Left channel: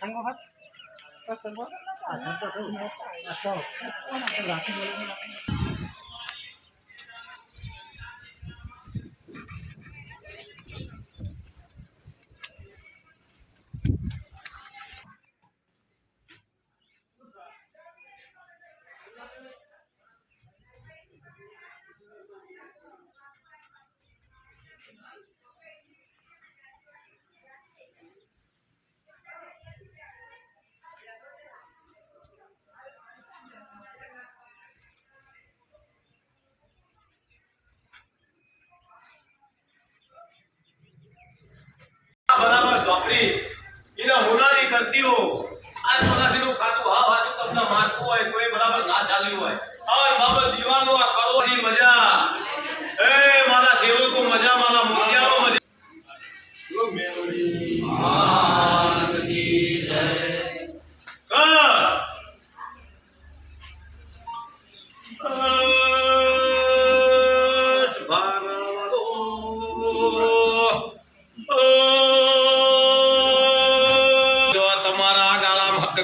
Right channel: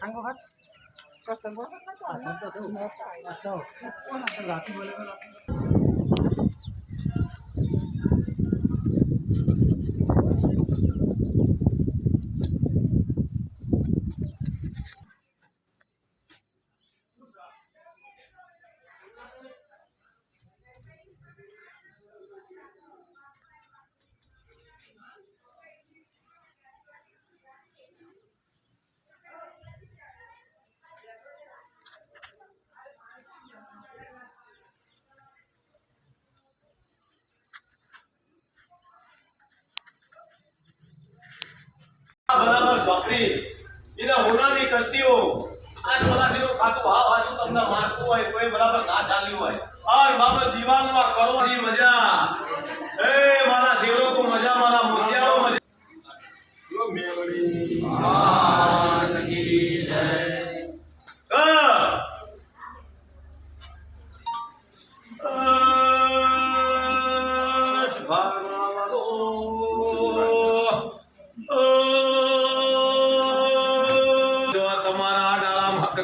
Anggo hat. Kosan ko na ta. Asan pa to? Ato. Ko na ta laki bola na. બરાબર ચોપડી એને હોનાની કરતી હો આજ મલાસીનું ખાતું હા હાજુ તમને મારતું હોય કોઈ બરાબર ના ચાલ્યું હોય આર બાબા દીવાનો આ કરોની મજા એ મારા સેવકો મજા મારા મોતિયાઓ મજા યો મેલડી માન કી જય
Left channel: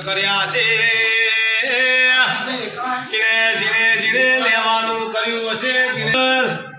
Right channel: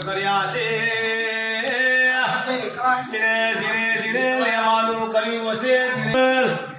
કર્યા છે જીણે જીણે જીણે લેવાનું કર્યું હશે